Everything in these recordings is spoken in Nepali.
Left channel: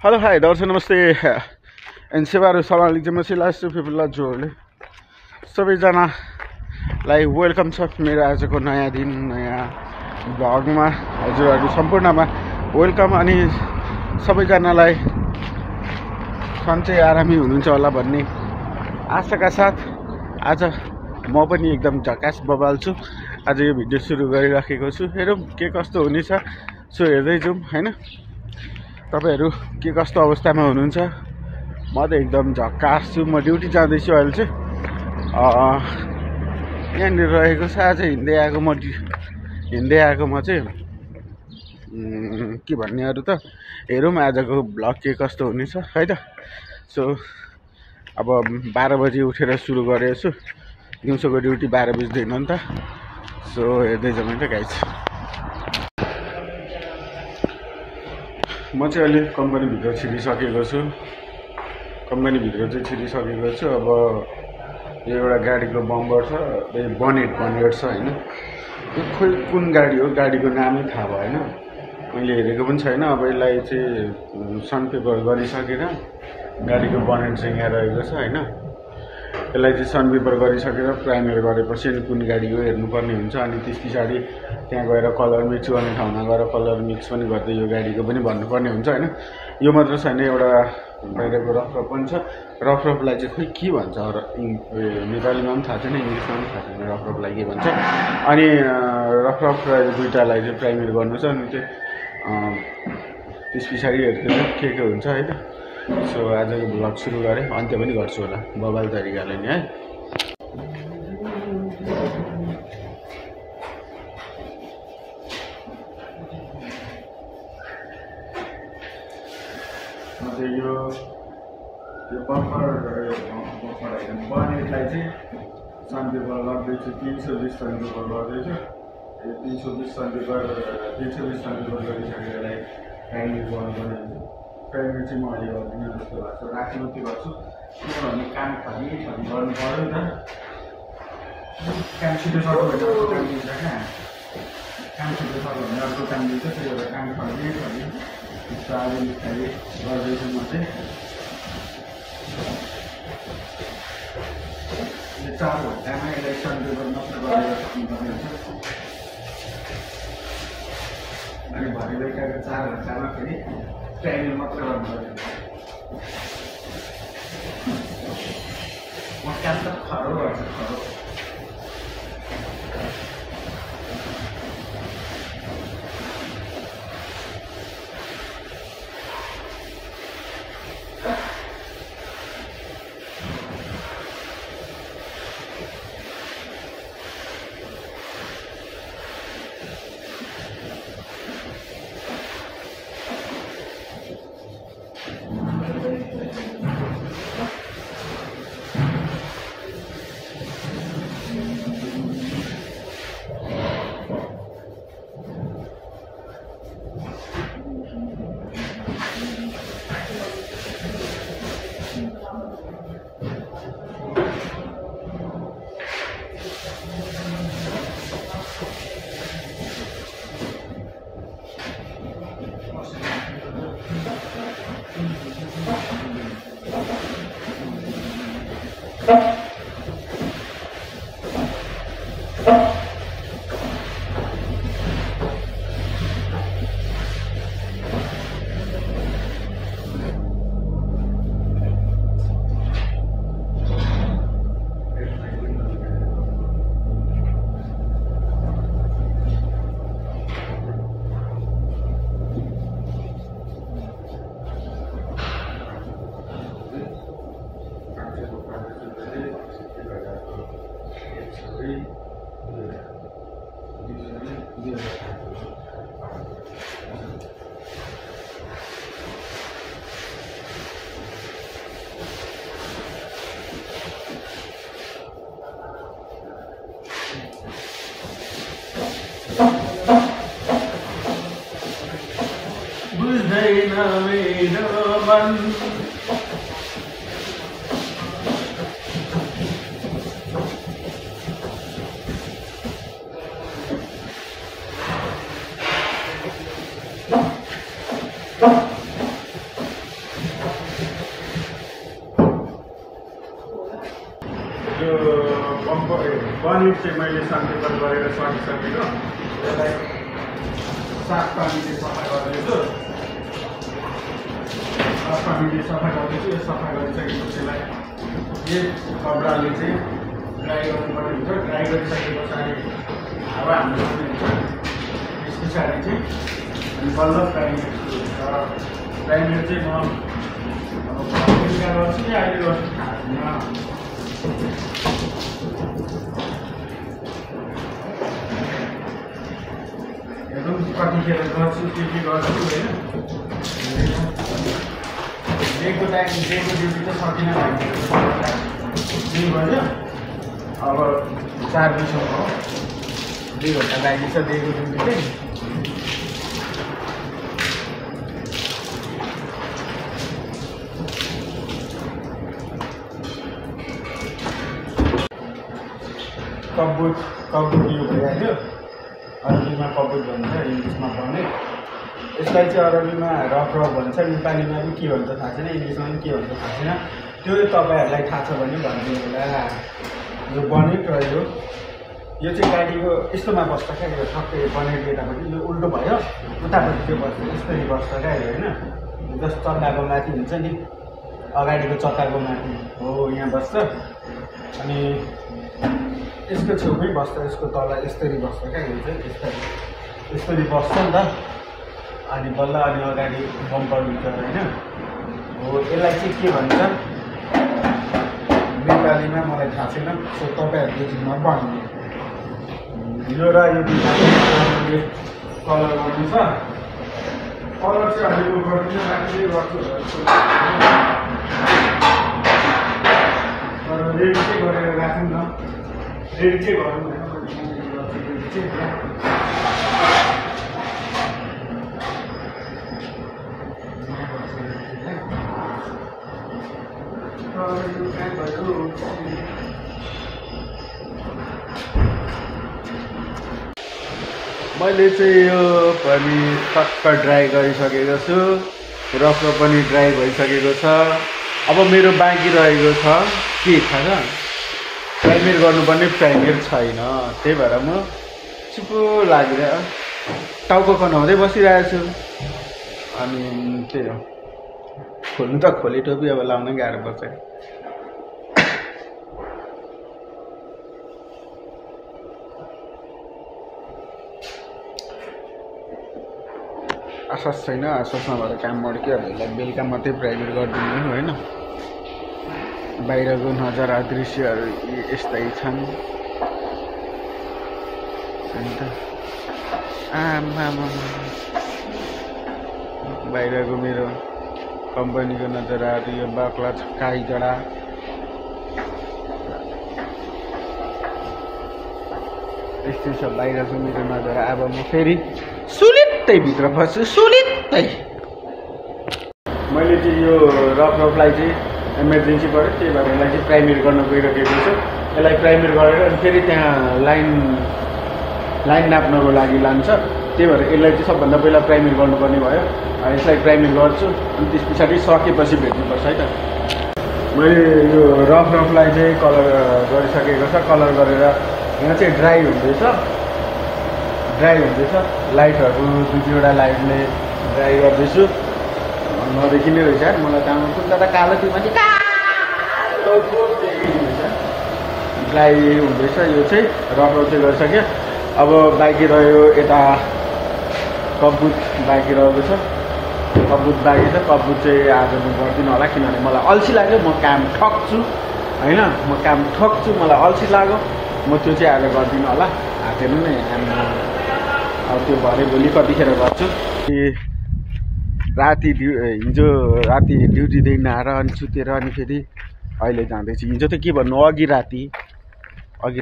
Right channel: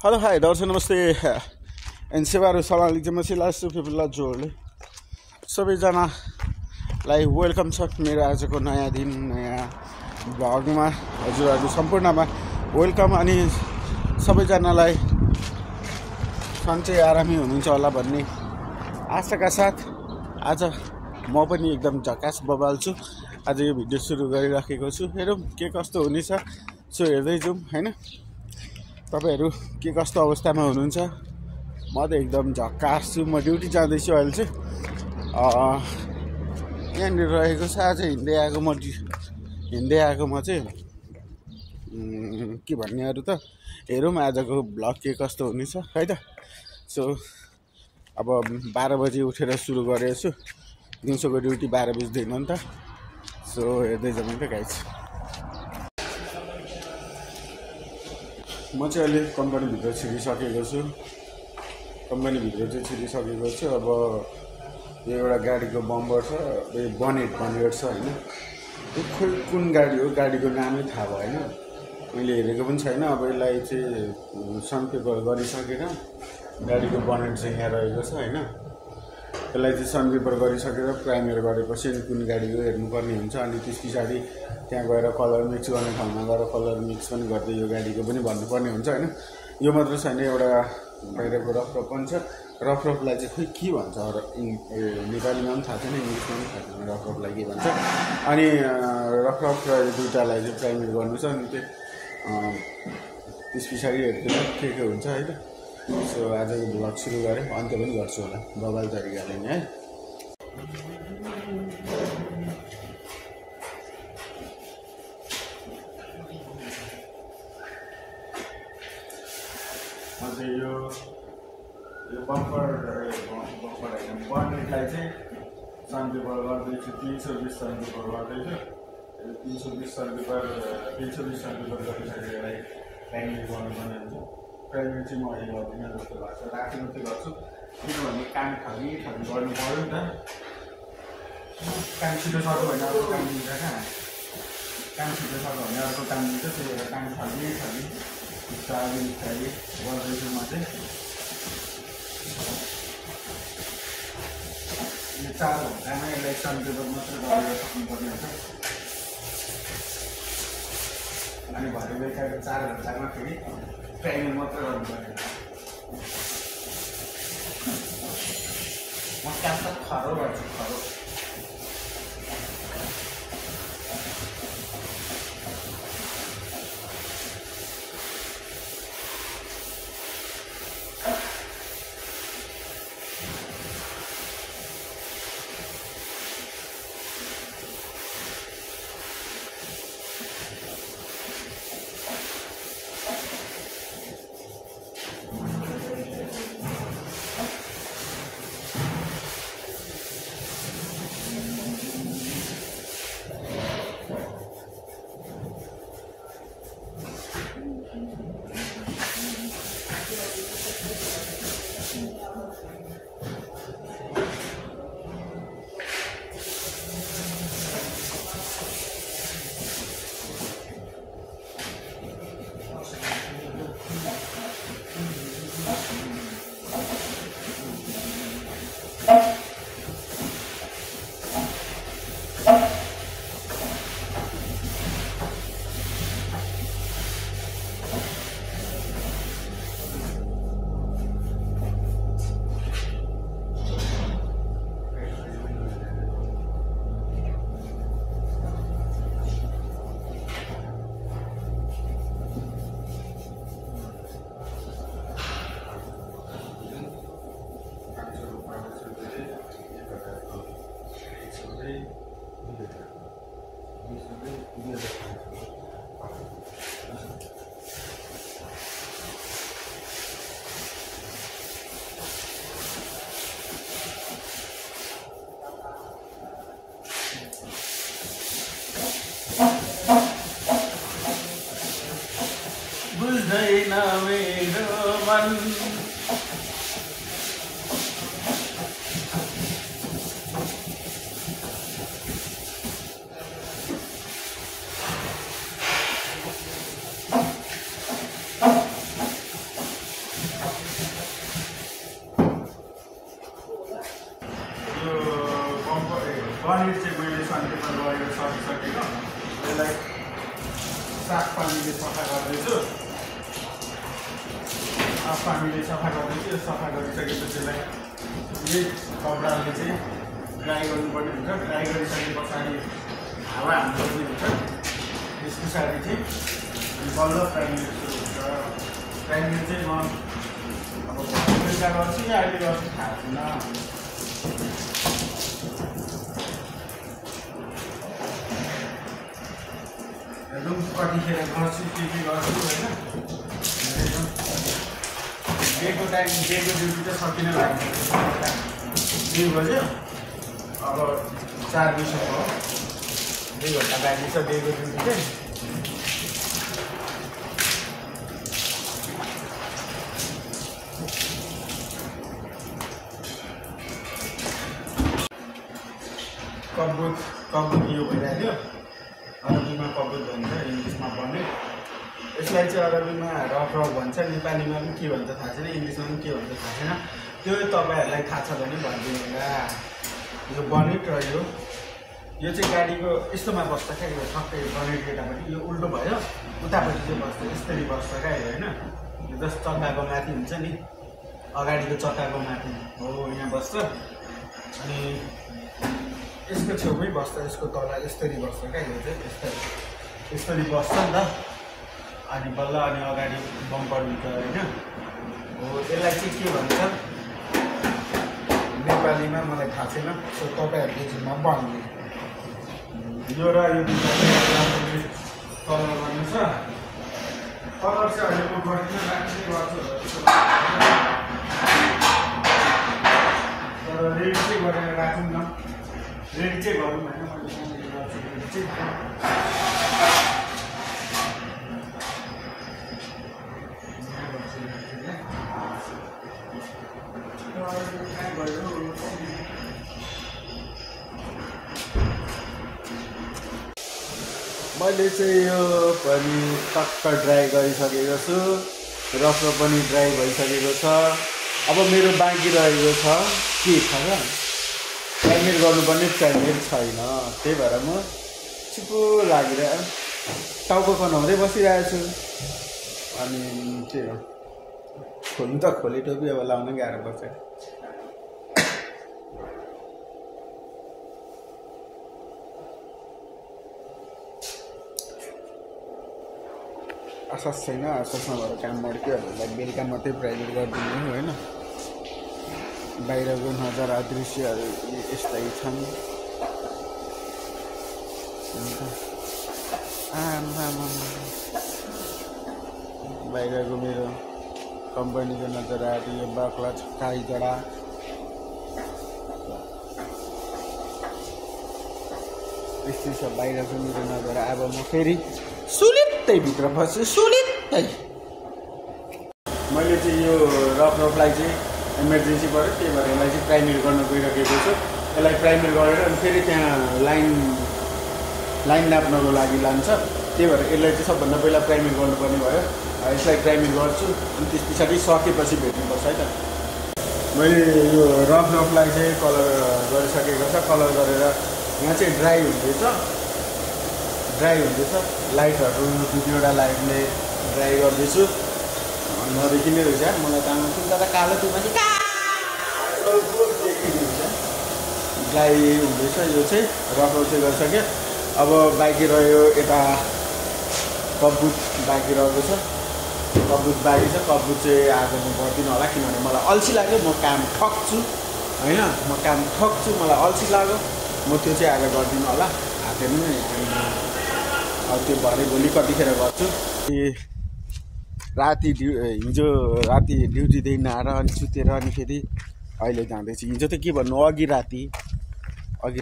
हेलो हाई दर्शक नमस्ते एन्ड सेवाहरू सम्हाल्ने चाहिँ म चाहिँ लास्ट पिपल हजुरहरूले सबैजनालाई वेलकम छ मेरो आजको नयाँ दिन नयाँ भ्लगमा हजुरहरू सम्पूर्णमा वेलकम। अनि सबैजनालाई सन्चै आरामी हुनुहुन्छ होला भन्ने आशाका साथ आज म पनि एकदम झकास बबाल छु। आज यो भिडियो सुरु गरिराखेको छु। हेरौँ के कस्तो हुनेछ, सो हेर्दै जाउँ होइन। तपाईहरू के कस्तो अवस्थामा हुनुहुन्छ? म त एकदम झक्कास छु। म ड्युटी जाँदैछु अहिले चाहिँ। यहाँनिर रहेको छ। आज हिँड्दै आएको म चाहिँ के भन्ने अरू त हेरौँ आजको भ्लग के कस्तो हुनेछ है त। सो अब 12 बजी उठेर सुरु गरेको छु। दिउँसोको ड्युटी 12 बज्दैन नि त। सो हेर्दै जाउँ त गाइस। म चाहिँ अहिले कम्पनीभित्र छिरिसकेको छु। कम्पनीभित्र चाहिँ छिरिसकेको छु। अब यो एउटा गाडीको बम्बर छ, बनेट छ होइन। यो खोइ कुन गाडी हो, गाडीको नामै थाहा भएन, मैले हेरेको पनि छैन। अब यसलाई चाहिँ सनपेपर गरिसकेर गाडीको बनेट चाहिँ यहाँ रहेको छ होइन। यसलाई चाहिँ सनपेपर गरिसकेर प्राइमर गरेपछि अनि कुन गाडी हो हेर्नुपर्ने हुन्छ। अनि त्यस पछाडि त्यहाँ गएर कलर मिक्स गर्ने ठाउँमा गएर कलर मिक्स पनि गर्दै यो गाडीको पनि भन्नुपर्ने हुन्छ होइन। यो मात्र छैन, एउटा बाहिरको रफरफ पनि छ। रफरफलाई चाहिँ खोइ के भन्छ, नेपालीमा पनि थाहा छैन, इङ्ग्लिसमा पनि थाहा छैन रफरफलाई के भन्छ। अनि रफरफलाई दुइटालाई चाहिँ प्राइमर गर्नु छ। अनि त्यस पछाडि हेर्दै के हुन्छ है त। सो आजको भ्लग सुरु गरेँ, अन्त्य पनि गर्छु होला बबाल तरिकाले नि है। यो बनेटलाई चाहिँ सनपेपर गर्दैछु। 320 सनपेपर गर्दैछु। 320 सनपेपर गरिसकेर यसलाई प्राइमर गर्नुपर्ने हुन्छ। प्राइमर चाहिँ म अहिले गर्दिनँ जस्तो लाग्छ, राख्नु के गर्छु किनभने काम थरी गर्नु पऱ्यो नि त। काम छिटो सक्यो भने अर्को काम दिन्छ क्या, काम छिटो सक्यो भने अर्को काम दिन्छ। त्यही भएर काम थरी बिस्तारै गर्दैछु म चाहिँ। यो 4 घन्टामा यसलाई सनपेपर मात्र गरेर सक्नुपर्ने हुन्छ। अनि भरे बेलुकाको 4 घन्टामा फेरि प्राइमर मात्र गर्नु पर्यो। म काम त खरो गर्छु, खरो। बुझ्दैन मेरो मन चाहिँ मैले सन्डेबल गरेर सकिसकेको यसलाई साफ पानीले सफा गर्दैछु। साफ पानीले सफा गर्दैछु। यो सफा गरिसकेपछि यसलाई यही कपडाले चाहिँ ड्राई गर्नुपर्ने हुन्छ। ड्राई गरिसके पछाडि हावा हाल्नु हुन्छ। त्यस पछाडि चाहिँ अनि बल्ल प्राइमेर सुरु हुन्छ। प्राइमेर चाहिँ म अब गर्छु कि अहिले गर्छु थाहा छैन। कतिखेर गर्छु के गर्छु होइन। डेको टाइम डेको ड्युटी त सकिन लाग्यो 2 बज्यो। अब 4 बजीसम्म 2 घन्टा लाग्दैछ डेको ड्युटी चाहिँ। कबुत यो भइहाल्यो। अरबीमा कबुत भन्छ, इङ्ग्लिसमा बनेट। यसलाई चाहिँ अरबीमा रफ भन्छ, नेपालीमा पनि के भन्छ थाहा छैन, इङ्ग्लिसमा पनि के भन्छ थाहा छैन। त्यो तपाईँहरूलाई थाहा छ भने भनिदिनु होला। यो बनेट र यो चाहिँ गाडीको यस्तोमा बस्छ क्या। यो ठक्कै बनेट यतापट्टि यो उल्टो भयो, उतापट्टि चाहिँ बस्छ, यस्तरी बस्छ क्या यो होइन। जस्तो चक्काको माथि हुन्छ नि, अगाडिको चक्काको माथि हो यहाँ बस्छ। अनि यसको छेउमै बस्छ, यसको तल यस्तरी बस्छ क्या। यो चाहिँ यस्तरी बस्छ नि त। अनि बल्ल अनि अगाडि बम्पर हुन्छ होइन। हो यसलाई चाहिँ के भन्छ नेपालीमा मलाई थाहा छैन। सो तपाईँहरूले जिम्मा भन्नु। यो र यो कलर गर्नु छ। कलर चाहिँ अहिले म गर्दिनँ, राम्रै गर्छु तर रेडी चाहिँ गरेर राखौँ न। रेडी चाहिँ गरौँ होइन। मैले चाहिँ यो पनि टक्क ड्राई गरिसकेको छु। रफ पनि ड्राई भइसकेको छ। अब मेरो बाँकी रहेको छ के थाहा छ, प्राइमेर गर्नुपर्ने प्राइमेर छैन। त्यही भएर म चुप्पो लागेर टाउको कनाउँदै बसिरहेको छु। अनि त्यही हो, खोल्नु त खोले टोपी, अब लाउन गाह्रो पर्छ। आशास छैन, आशासमा भएर काम मड्किहाल्यो। बेलुका मात्रै प्राइमेर गरिदिनु होइन। बाहिरको नजारा दृश्यहरू यस्तै छन्। अन्त बाहिरको मेरो कम्पनीको नजाराहरू यो बाक्ला काई जडा। यस्तै छ बाहिरको मेरो नजारा। अब म फेरि सुलित्तै भित्र बस्छु, सुलित्तै। मैले चाहिँ यो रफलाई चाहिँ इमर्जेन्सी पऱ्यो, त्यही भएर यसलाई चाहिँ प्राइमेर गर्नु गइरहेको छु। यसलाई प्राइमेर गरेर अनि फेरि त्यहाँ लाइन नाप्नको लागि लान्छ। त्यही भएर यसलाई चाहिँ सबभन्दा पहिला प्राइमेर गर्नुपर्ने भयो। यसलाई प्राइमेर गर्छु अनि त्यस पछाडि सकेपछि भेट्नुपर्छ है त। मैले यो रफलाई चाहिँ कलर गरिसकेको छ। कलर गरेर यहाँ चाहिँ ड्राई हुँदैछ। लाइटहरू 2-2वटा लाइटले ड्राई गर्दैछु। नदेखिने रहेछ मलाई काम कुन कालो त्यो मान्छे ड्राई हुँदैछ। यो चाहिँ रफ चाहिँ गरिसक्यो। अब बाँकी रह्यो यता कबुत बाँकी रहेको छ। कबुत चाहिँ आज म गर्दिनँ होला, किनभने मलाई अल्छी लाग्यो। म काम ठक्छु होइन, मलाई अल्छी लाग्यो। म त्यो चाहिँ आज गर्दिनँ होला। हातेर नै त्यो भरे भोलि कतिखेर गर्छु। हिजो राति ड्युटीदेखि आएर अनि सुतेर अनि फेरि अहिले जाँदैछु। हिजो त के भन्नु, अघि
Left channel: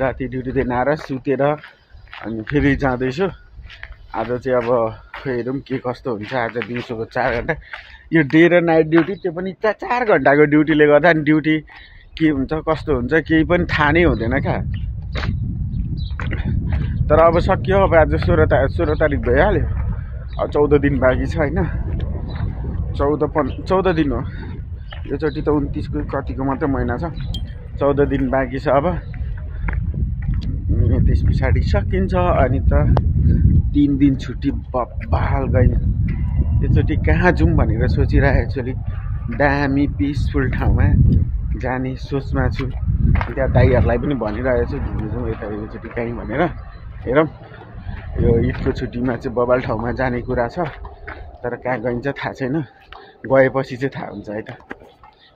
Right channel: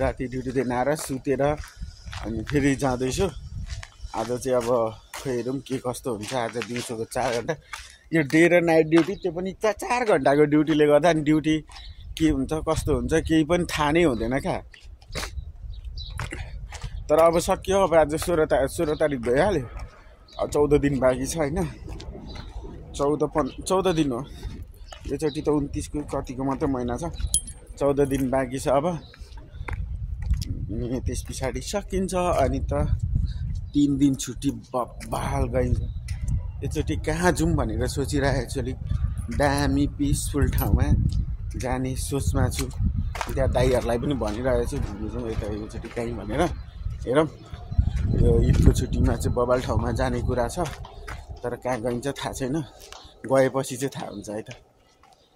राति ड्युटीदेखि आएर सुतेर अनि फेरि जाँदैछु। आज चाहिँ अब हेरौँ के कस्तो हुन्छ। आज दिउँसोको 4 घन्टा यो डे र नाइट ड्युटी, त्यो पनि 4 घन्टाको ड्युटीले गर्दा अनि ड्युटी के हुन्छ कस्तो हुन्छ केही पनि थाहा नै हुँदैन क्या। तर अब सकियो। अब आज 16 तारिक भइहाल्यो। अब 14 दिन बाँकी छ होइन। 14 दिन हो योचोटि त। 29 को कतिको मात्रै महिना छ। 14 दिन बाँकी छ। अब त्यस पछाडि सकिन्छ। अनि त 3 दिन छुट्टी बब्बाल गई एकचोटि कहाँ जाउँ भनेर सोचिरहेको छु। अलिक दामी पिसफुल ठाउँमा जाने सोचमा छु। त्यहाँ दाइहरूलाई पनि भनिरहेको छु घुम्नु जाउँ यता एकचोटि कहीँ भनेर। हेरौँ यो ईदको छुट्टीमा चाहिँ बबाल ठाउँमा जाने कुरा छ, तर कहाँ गइन्छ थाहा छैन। गएपछि चाहिँ थाहा हुन्छ है त।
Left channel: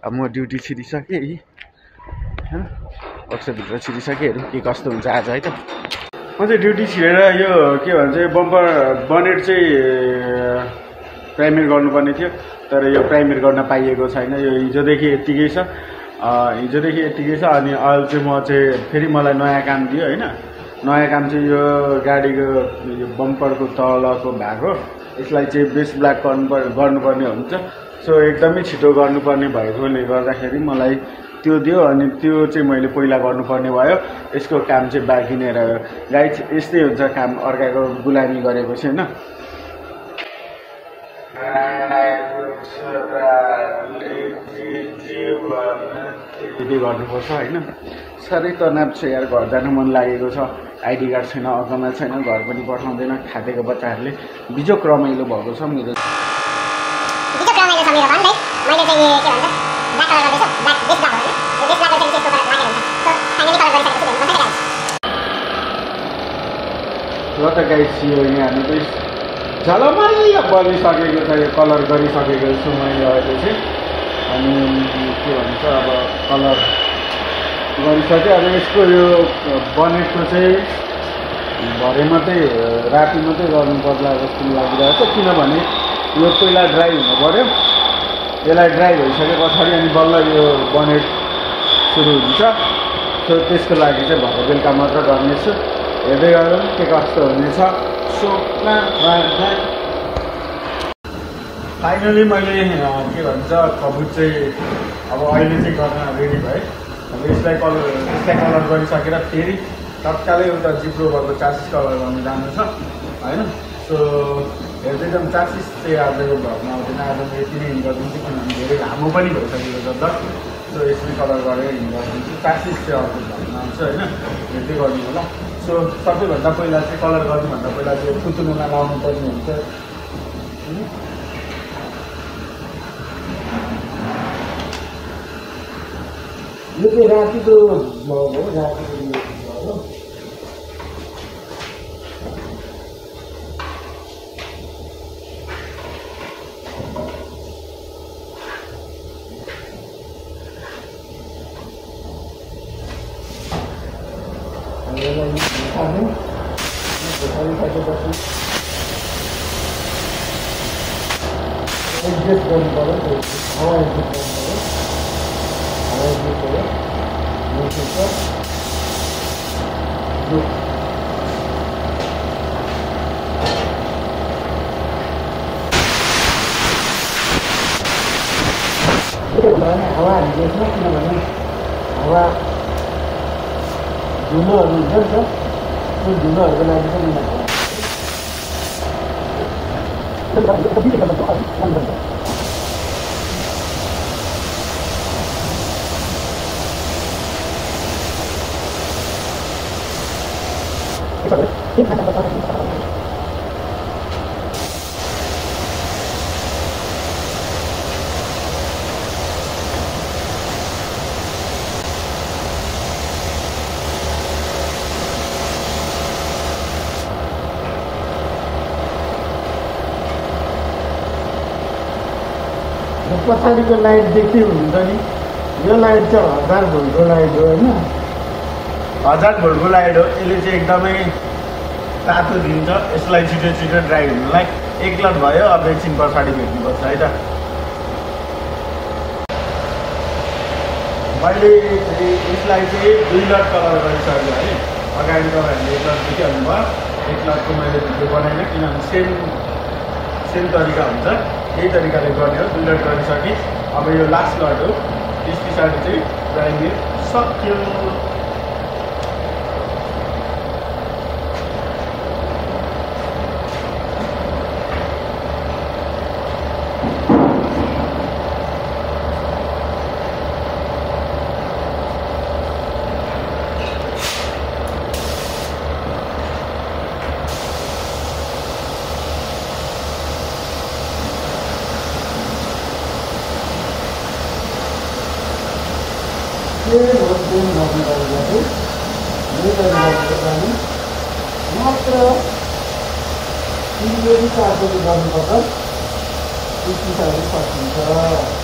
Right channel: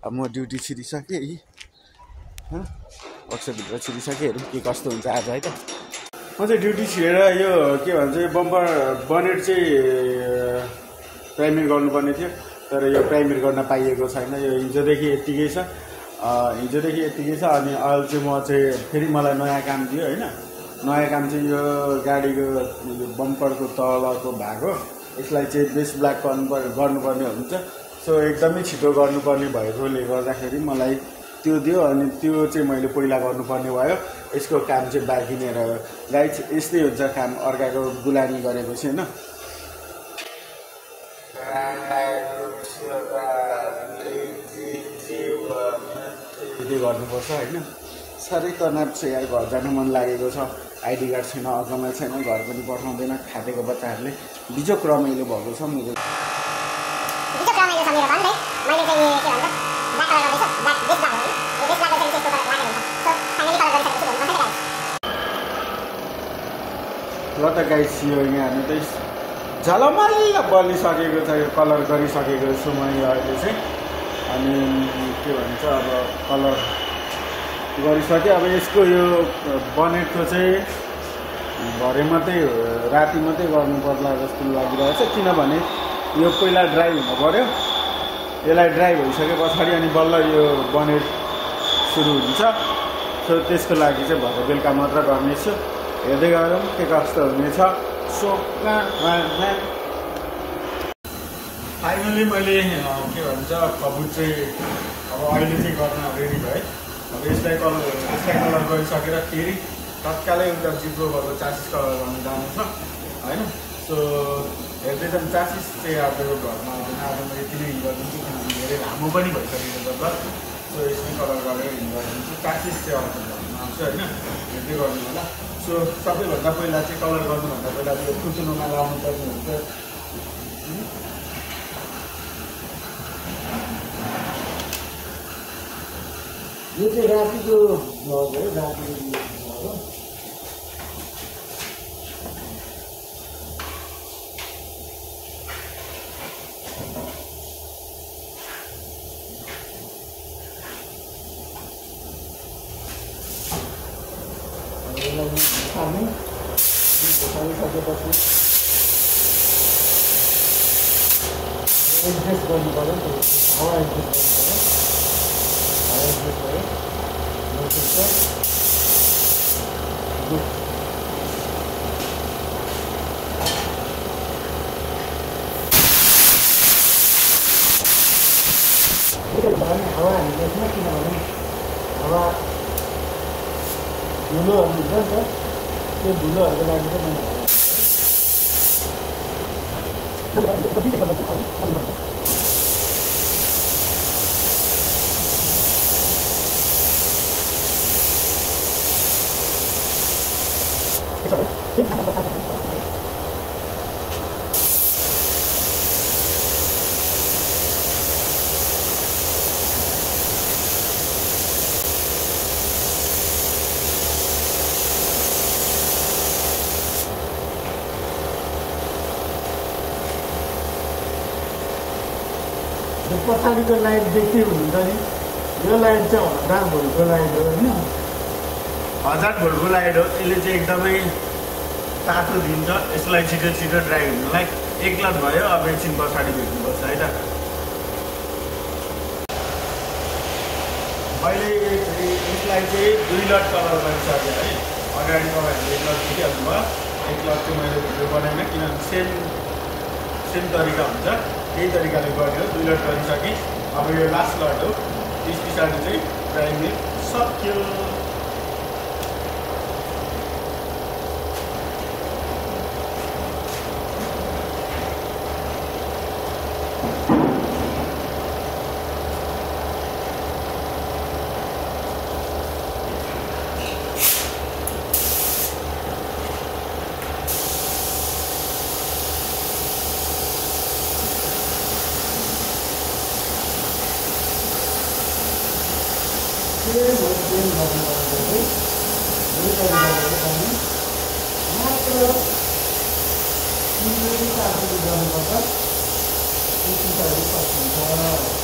अब म ड्युटी छिरिसकेँ, वर्कसपभित्र छिरिसकेँ, हेरौँ के कस्तो हुन्छ आज है त। म चाहिँ ड्युटी छिरेर यो के भन्छ बम्पर बनेट चाहिँ प्राइमेर गर्नुपर्ने थियो, तर यो प्राइमेर गर्न पाइएको छैन। यो हिजोदेखि यत्तिकै छ, अनि अहिले चाहिँ म चाहिँ फेरि मलाई नयाँ काम दियो होइन। नयाँ काम चाहिँ यो गाडीको यो बम्परको तलको भाग हो, यसलाई चाहिँ बेस ब्ल्याक गर्नुपर्ने हुन्छ। सो एकदमै छिटो गर्नुपर्ने भएकोले गर्दाखेरि मलाई त्यो दियो, अनि त्यो चाहिँ मैले पहिला गर्नुपर्ने भयो। यसको काम चाहिँ बाँकी नै रह्यो। गाइस यस्तै हुन्छ काम, अर्काको गुलामी गरेपछि होइन। यति गर्नुपर्छ होइन। साह्रै तनाव छ यार, घर जानु मन लागेको छ। आइडी कार्ड छैन, अकाउन्टमा छैन, घर पनि पठाउँदैन। खाटेको बच्चाहरूले बिजोक रमाइलो भएको छ मेरो। ल त गाइस यो यहाँ हामीले झलमल्ल बनिसकेको छ, यो कलर गरिसकेको छु मैले अहिले चाहिँ। अनि के भन्छ अब कलर गरिसक्यो। अब यसको यो बनेटको चाहिँ भरे मात्रै राति मात्रै गर्नु पर्ला जस्तो लागिरहेको छ, किनभने यो पहिला ड्राई हुनु पऱ्यो। यसलाई ड्राई भइसके पछाडि अनि बल्ल यो बनेट सुरु हुन्छ। सो त्यसको लागि चाहिँ भरे बेलुका मात्र गर्नेछु। हेर्दै गरौँ के कस्तो हुनेछ। फाइनली मैले के भन्छ कबुट चाहिँ अब अहिले चाहिँ गर्न रेडी भयो। अब यसलाई कलर गरिसकेर फेरि तत्कालै एउटा जिब्रो भएको चासिस कलर गर्न जानु छ होइन। सो हेर्दै जाउँ। चासिस चाहिँ आज यो घरमा आउँदैन, आज म यति नै हिँड गरिदिन्छु, किनभने धेरै लामो पनि भइसकेको छ त। सो यसरी कलर गरेर हिँड गरिदिन्छु। चासिस चाहिँ अर्को घरमा आउँछ होइन, हेर्दै गर्नु होला। सो सबैभन्दा पहिला चाहिँ कलर गर्नुभन्दा पहिला त्यो कुचुनुमा लाउनु पर्ने हुन्छ। यो चाहिँ रातिको मग हो, रातिको हो। हावा हालिदिन्छ, किनभने हावा धुलोहरू हुन्छ नि त, त्यो धुलोहरूको लागि चाहिँ पछाडिको लाइट देख्दै हुनुहुन्छ नि, यो लाइट चाहिँ 1000 भोल्टको लाइट हो होइन। 1000 भोल्टको लाइट हो। यसले चाहिँ एकदमै तातो दिन्छ यसलाई छिटो छिटो ड्राई हुनुलाई। 1 लट भयो, अब एकछिन पछाडि भेट्नुपर्छ है त। मैले यसलाई चाहिँ 2 लट कलर गरिसकेँ है। अगाडि तपाईँहरूले 1 लट देखिहाल्नु भयो। 1 लटको मैले भिडियो बनाइनँ, किनभने सेम तरिका हुन्छ, यही तरिकाले गर्ने हो। 2 लट गरिसकेँ। अब यो लास्ट लट हो, त्यस पछाडि चाहिँ ड्राइङ सक्यो। मात्र 3 4 गर्नुपर्छ, 25 सकिन्छ।